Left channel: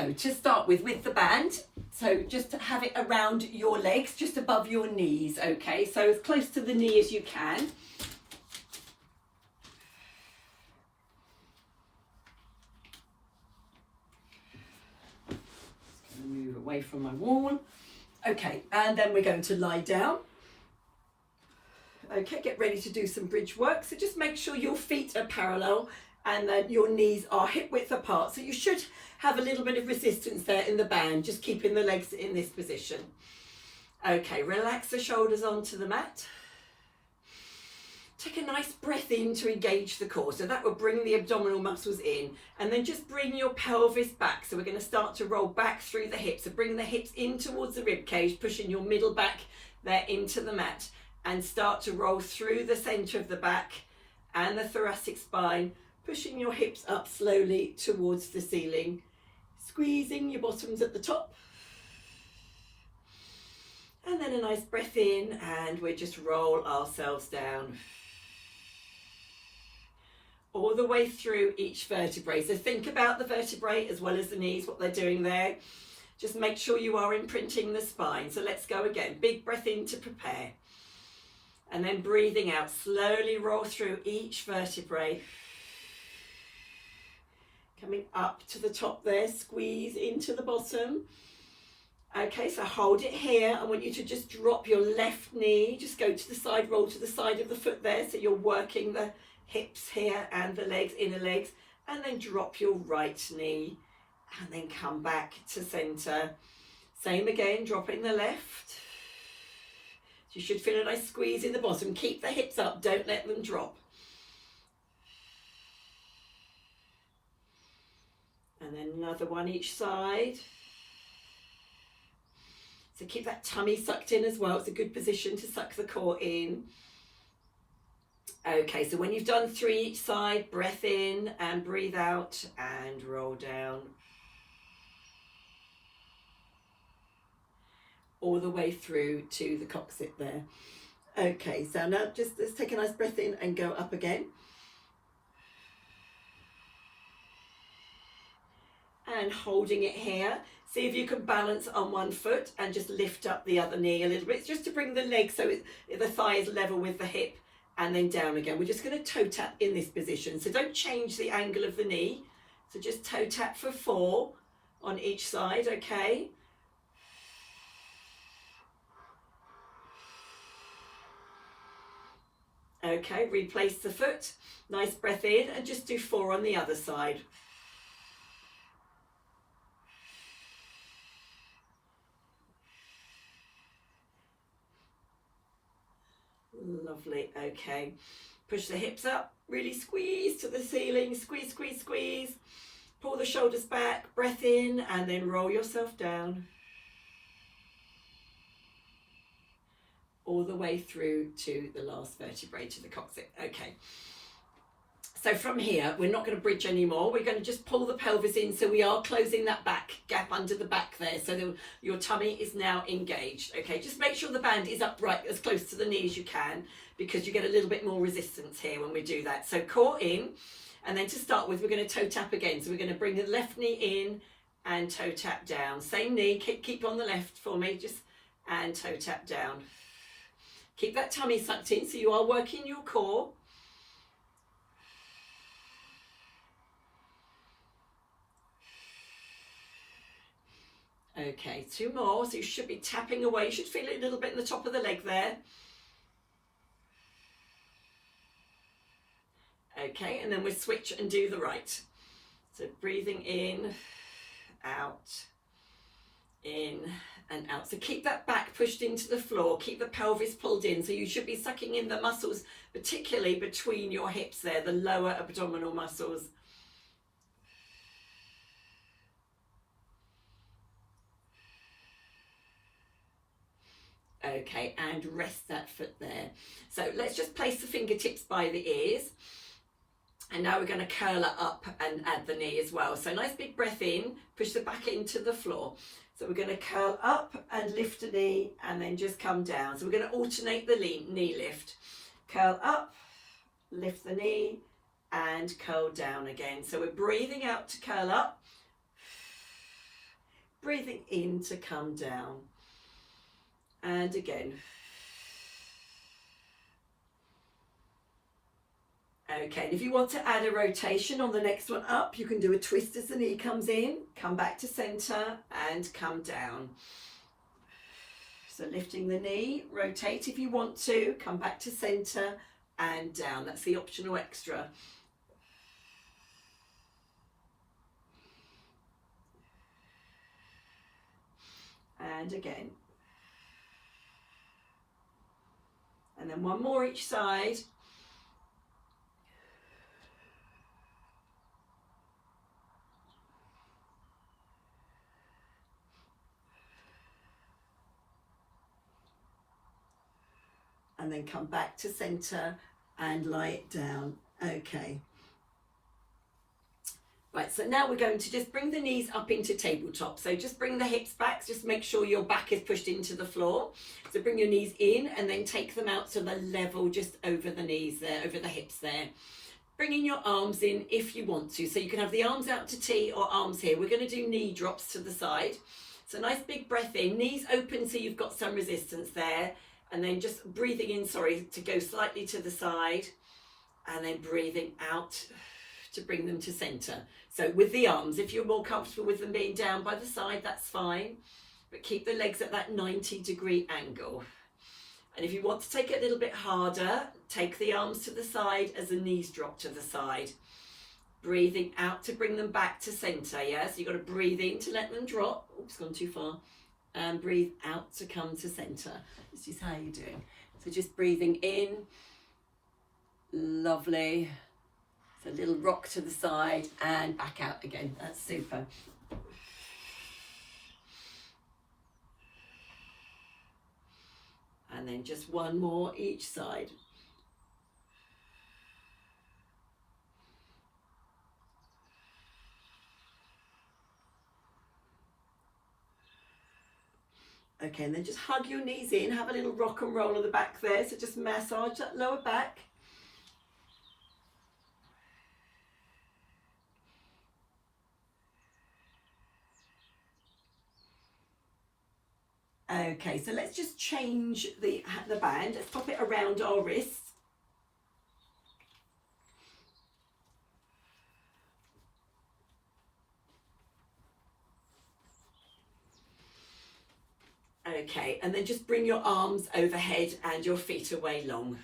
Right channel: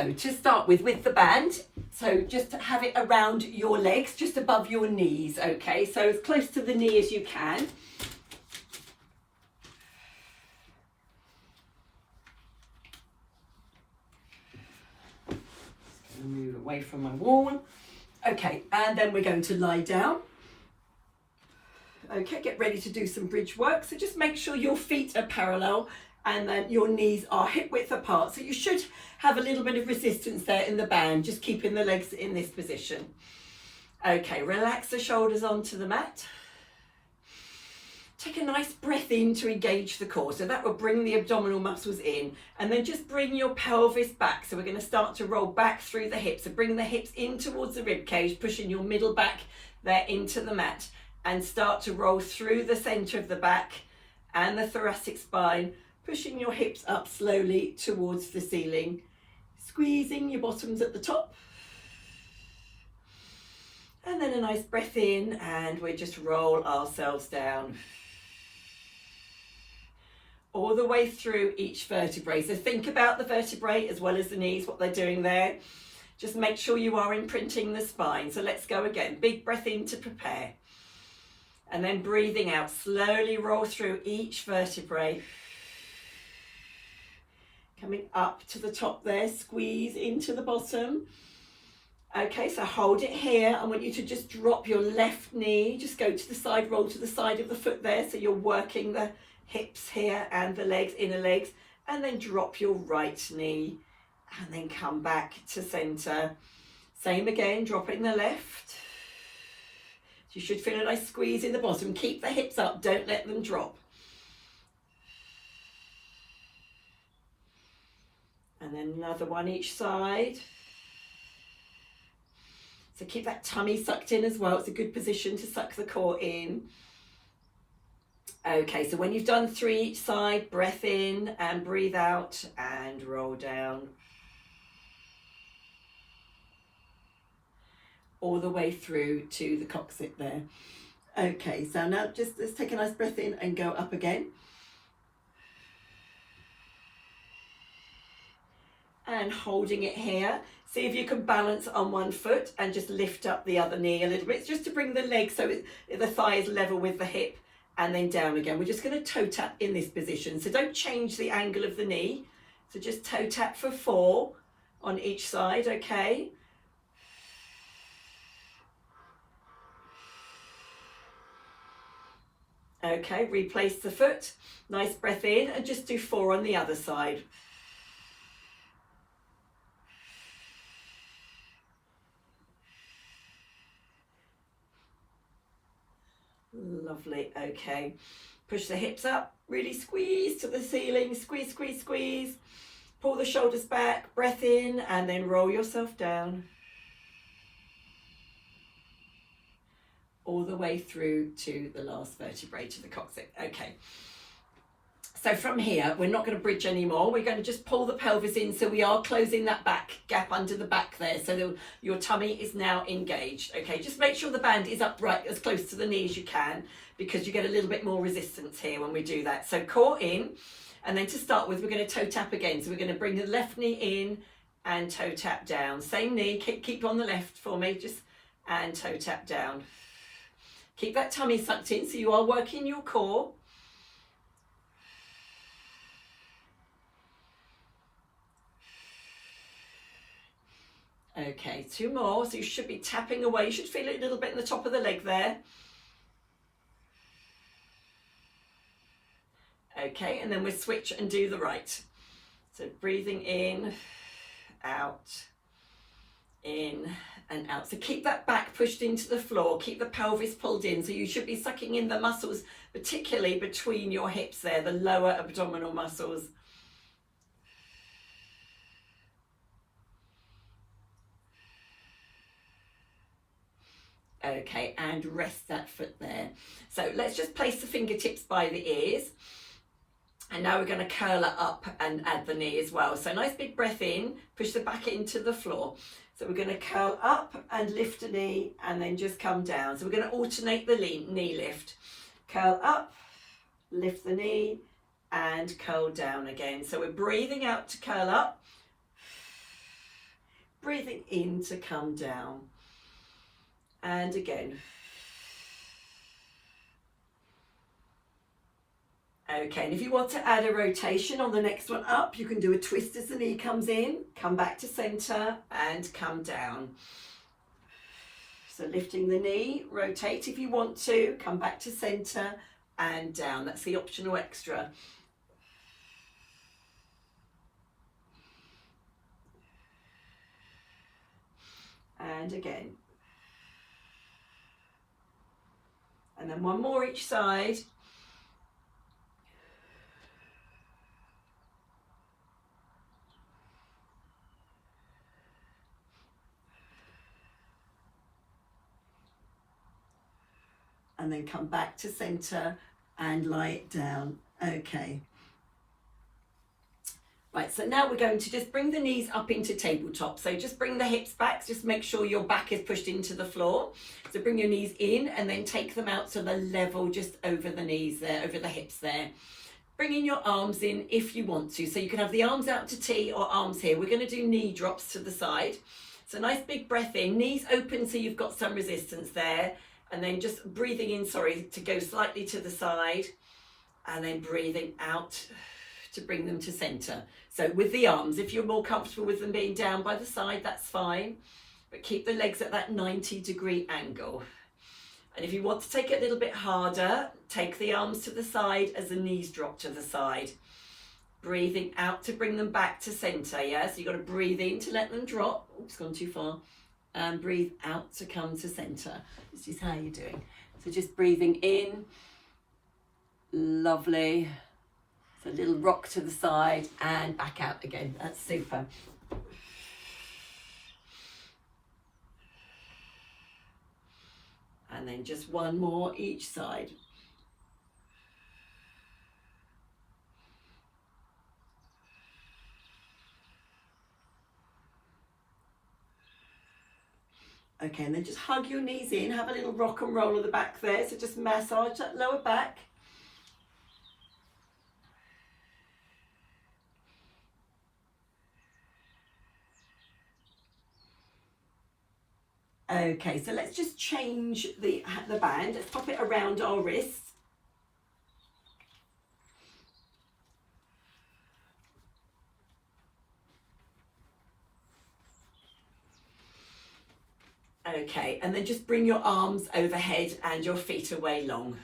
So to start with the band, so just have it around your legs, just above your knees, okay? So as close to the knee as you can. Move away from my wall. Okay, and then we're going to lie down. Okay, get ready to do some bridge work. So just make sure your feet are parallel and then your knees are hip width apart. So you should have a little bit of resistance there in the band, just keeping the legs in this position. Okay, relax the shoulders onto the mat. Take a nice breath in to engage the core. So that will bring the abdominal muscles in, and then just bring your pelvis back. So we're going to start to roll back through the hips. So bring the hips in towards the rib cage, pushing your middle back there into the mat, and start to roll through the center of the back and the thoracic spine, pushing your hips up slowly towards the ceiling, squeezing your bottoms at the top. And then a nice breath in, and we just roll ourselves down all the way through each vertebrae. So think about the vertebrae as well as the knees, what they're doing there. Just make sure you are imprinting the spine. So let's go again. Big breath in to prepare. And then breathing out, slowly roll through each vertebrae. Coming up to the top there, squeeze into the bottom. Okay, so hold it here. I want you to just drop your left knee, just go to the side, roll to the side of the foot there. So you're working the hips here and the legs, inner legs, and then drop your right knee and then come back to center. Same again, dropping the left. You should feel a nice squeeze in the bottom. Keep the hips up, don't let them drop. And then another one each side. So keep that tummy sucked in as well. It's a good position to suck the core in. Okay, so when you've done 3 each side, breath in and breathe out and roll down. All the way through to the coccyx there. Okay, so now just let's take a nice breath in and go up again. And holding it here. See if you can balance on one foot and just lift up the other knee a little bit. It's just to bring the leg so the thigh is level with the hip, and then down again. We're just going to toe tap in this position. So don't change the angle of the knee. So just toe tap for 4 on each side, okay? Okay, replace the foot. Nice breath in and just do 4 on the other side. Lovely, okay. Push the hips up, really squeeze to the ceiling, squeeze, squeeze, squeeze. Pull the shoulders back, breath in, and then roll yourself down. All the way through to the last vertebrae, to the coccyx. Okay. So from here, we're not going to bridge anymore. We're going to just pull the pelvis in, so we are closing that back gap under the back there. So your tummy is now engaged. Okay, just make sure the band is upright as close to the knee as you can, because you get a little bit more resistance here when we do that. So core in, and then to start with, we're going to toe tap again. So we're going to bring the left knee in and toe tap down. Same knee, keep on the left for me, just and toe tap down. Keep that tummy sucked in, so you are working your core. Okay, 2 more. So you should be tapping away. You should feel it a little bit in the top of the leg there. Okay, and then we'll switch and do the right. So breathing in, out, in and out. So keep that back pushed into the floor. Keep the pelvis pulled in. So you should be sucking in the muscles, particularly between your hips there, the lower abdominal muscles. Okay, and rest that foot there. So let's just place the fingertips by the ears. And now we're going to curl it up and add the knee as well. So nice big breath in, push the back into the floor. So we're going to curl up and lift the knee and then just come down. So we're going to alternate the knee lift. Curl up, lift the knee and curl down again. So we're breathing out to curl up breathing in to come down. And again. Okay, and if you want to add a rotation on the next one up, you can do a twist as the knee comes in, come back to center and come down. So lifting the knee, rotate if you want to, come back to center and down. That's the optional extra. And again. And then one more each side. And then come back to center and lie it down. Okay. Right, so now we're going to just bring the knees up into tabletop. So just bring the hips back, just make sure your back is pushed into the floor. So bring your knees in and then take them out to the level just over the knees there, over the hips there. Bringing your arms in if you want to. So you can have the arms out to T or arms here. We're going to do knee drops to the side. So nice big breath in, knees open so you've got some resistance there. And then just breathing in, to go slightly to the side. And then breathing out to bring them to center. So with the arms, if you're more comfortable with them being down by the side, that's fine. But keep the legs at that 90-degree angle. And if you want to take it a little bit harder, take the arms to the side as the knees drop to the side. Breathing out to bring them back to center, yeah? So you've got to breathe in to let them drop. Oops, gone too far. And breathe out to come to center. This is how you're doing. So just breathing in. Lovely. So a little rock to the side and back out again. That's super. And then just one more each side. Okay, and then just hug your knees in, have a little rock and roll of the back there. So just massage that lower back. Okay, so let's just change the band. Let's pop it around our wrists. Okay, and then just bring your arms overhead and your feet away long.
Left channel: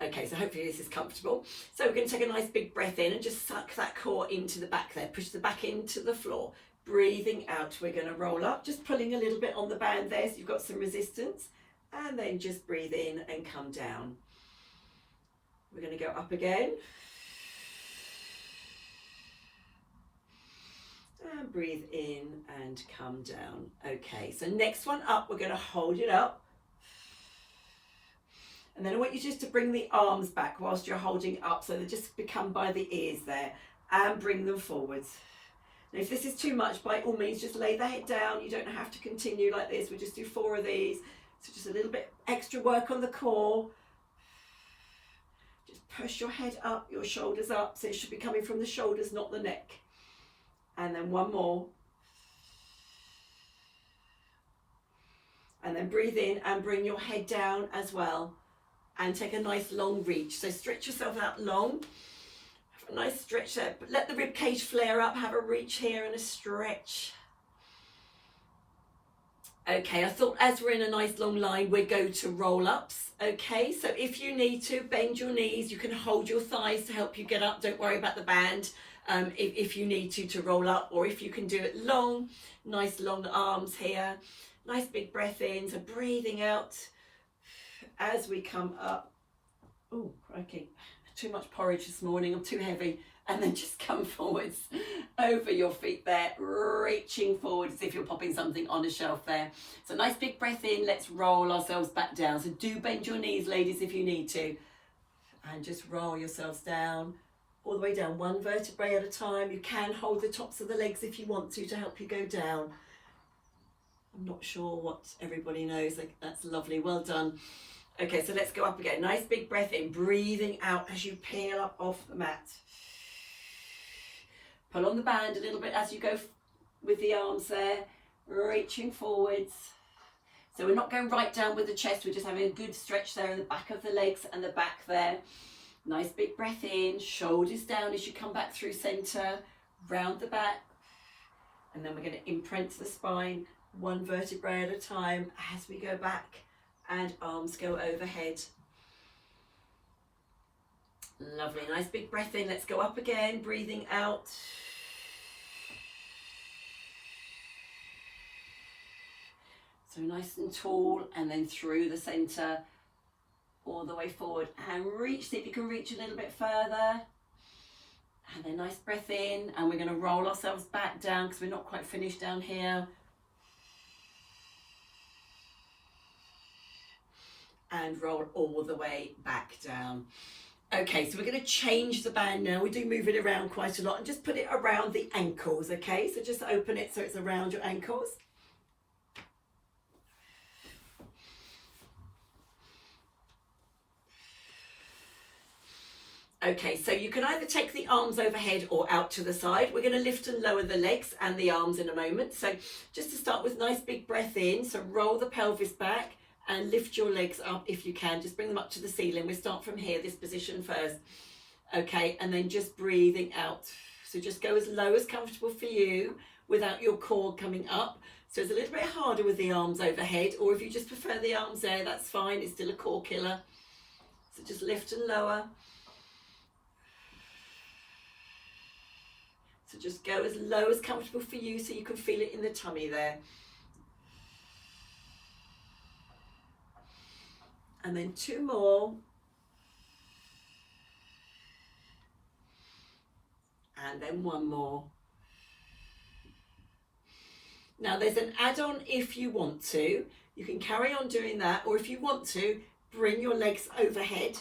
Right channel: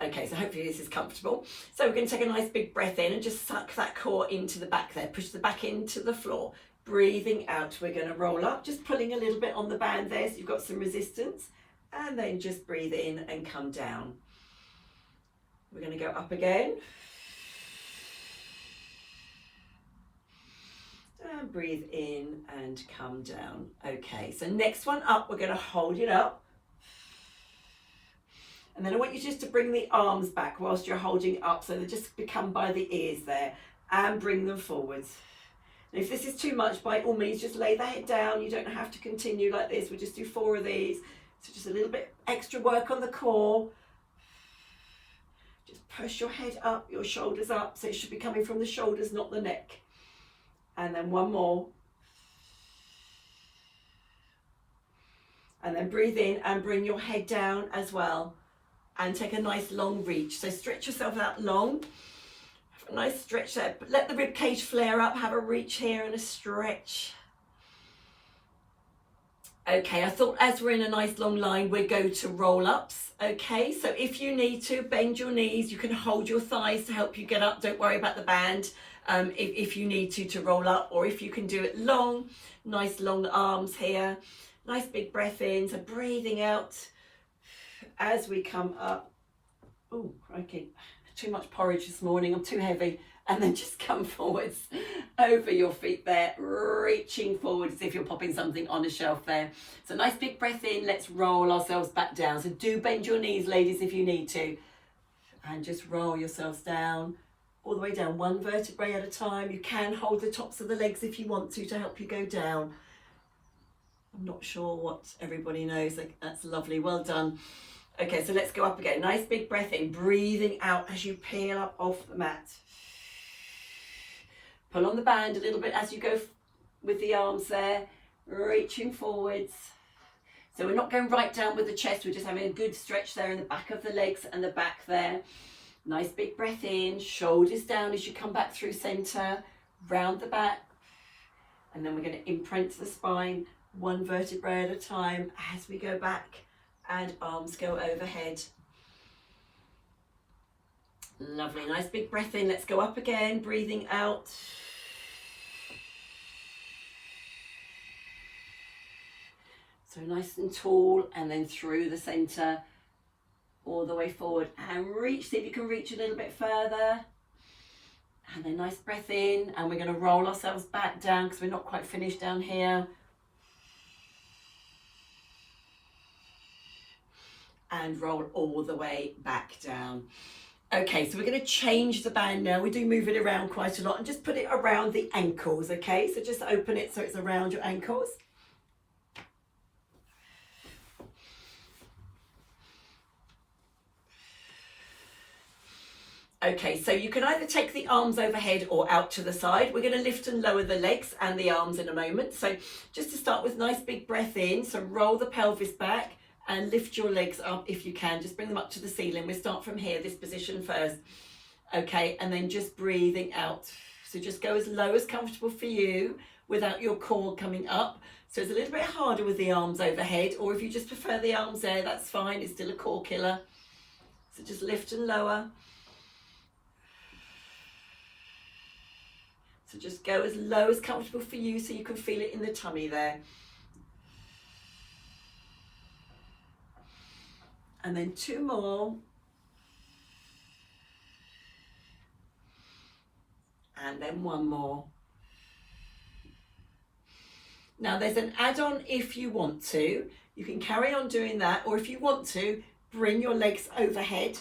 Okay, so hopefully this is comfortable. So we're going to take a nice big breath in and just suck that core into the back there. Push the back into the floor. Breathing out, we're going to roll up, just pulling a little bit on the band there so you've got some resistance. And then just breathe in and come down. We're going to go up again. And breathe in and come down. Okay, so next one up, we're going to hold it up. And then I want you just to bring the arms back whilst you're holding up, so they just become by the ears there, and bring them forwards. And if this is too much, by all means, just lay the head down. You don't have to continue like this. We'll just do 4 of these. So just a little bit extra work on the core. Just push your head up, your shoulders up. So it should be coming from the shoulders, not the neck. And then one more. And then breathe in and bring your head down as well. And take a nice long reach. So stretch yourself out long. Have a nice stretch there. But let the rib cage flare up. Have a reach here and a stretch. Okay, I thought as we're in a nice long line, we'll go to roll-ups. Okay, so if you need to, bend your knees. You can hold your thighs to help you get up. Don't worry about the band. If you need to roll up, or if you can do it long, nice long arms here. Nice big breath in. So breathing out as we come up. Oh, crikey. Too much porridge this morning. I'm too heavy. And then just come forwards over your feet there, reaching forward as if you're popping something on a shelf there. So nice big breath in. Let's roll ourselves back down. So do bend your knees, ladies, if you need to. And just roll yourselves down, all the way down, one vertebrae at a time. You can hold the tops of the legs if you want to help you go down. I'm not sure what everybody knows. That's lovely. Well done. Okay, so let's go up again. Nice big breath in, breathing out as you peel up off the mat. Pull on the band a little bit as you go with the arms there, reaching forwards. So we're not going right down with the chest, we're just having a good stretch there in the back of the legs and the back there. Nice big breath in, shoulders down as you come back through center, round the back. And then we're going to imprint the spine, one vertebrae at a time as we go back, and arms go overhead. Lovely, nice big breath in. Let's go up again, breathing out. So nice and tall, and then through the center, all the way forward, and reach, see if you can reach a little bit further. And then nice breath in, and we're going to roll ourselves back down because we're not quite finished down here. And roll all the way back down. Okay, so we're going to change the band now. We do move it around quite a lot, and just put it around the ankles, okay? So just open it so it's around your ankles. Okay, so you can either take the arms overhead or out to the side. We're going to lift and lower the legs and the arms in a moment. So just to start with, nice big breath in. So roll the pelvis back and lift your legs up if you can. Just bring them up to the ceiling. We'll start from here, this position first. Okay, and then just breathing out. So just go as low as comfortable for you without your core coming up. So it's a little bit harder with the arms overhead, or if you just prefer the arms there, that's fine. It's still a core killer. So just lift and lower. So just go as low as comfortable for you so you can feel it in the tummy there. And then 2 more. And then 1 more. Now there's an add-on if you want to. You can carry on doing that, or if you want to, bring your legs overhead.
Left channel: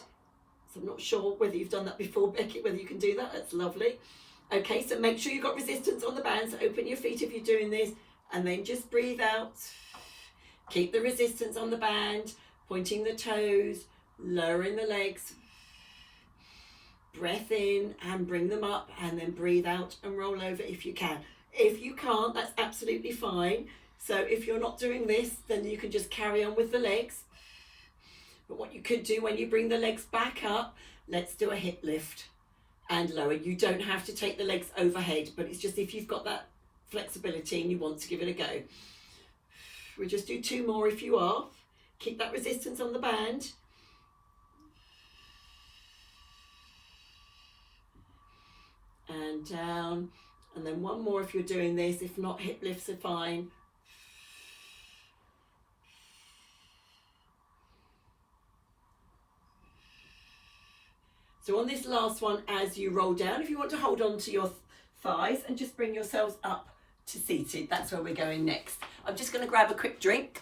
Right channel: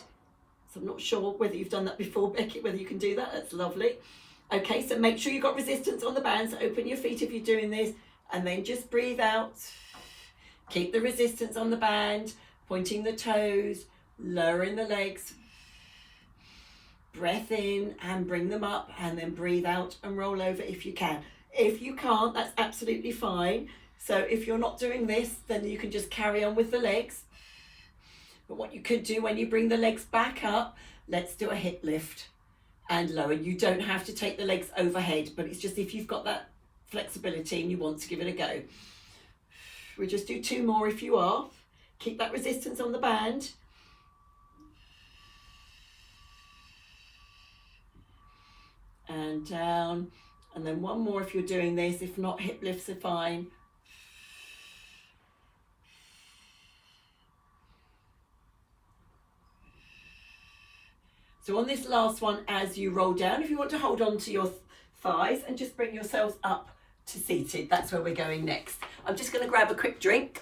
So I'm not sure whether you've done that before, Becky, whether you can do that. That's lovely. Okay, so make sure you've got resistance on the band, so open your feet if you're doing this, and then just breathe out. Keep the resistance on the band, pointing the toes, lowering the legs. Breath in and bring them up, and then breathe out and roll over if you can. If you can't, that's absolutely fine. So if you're not doing this, then you can just carry on with the legs. But what you could do when you bring the legs back up, let's do a hip lift and lower. You don't have to take the legs overhead, but it's just if you've got that flexibility and you want to give it a go. We'll just do 2 more if you are. Keep that resistance on the band. And down. And then 1 more if you're doing this. If not, hip lifts are fine. So on this last one, as you roll down, if you want to hold on to your thighs and just bring yourselves up to seated, that's where we're going next. I'm just going to grab a quick drink.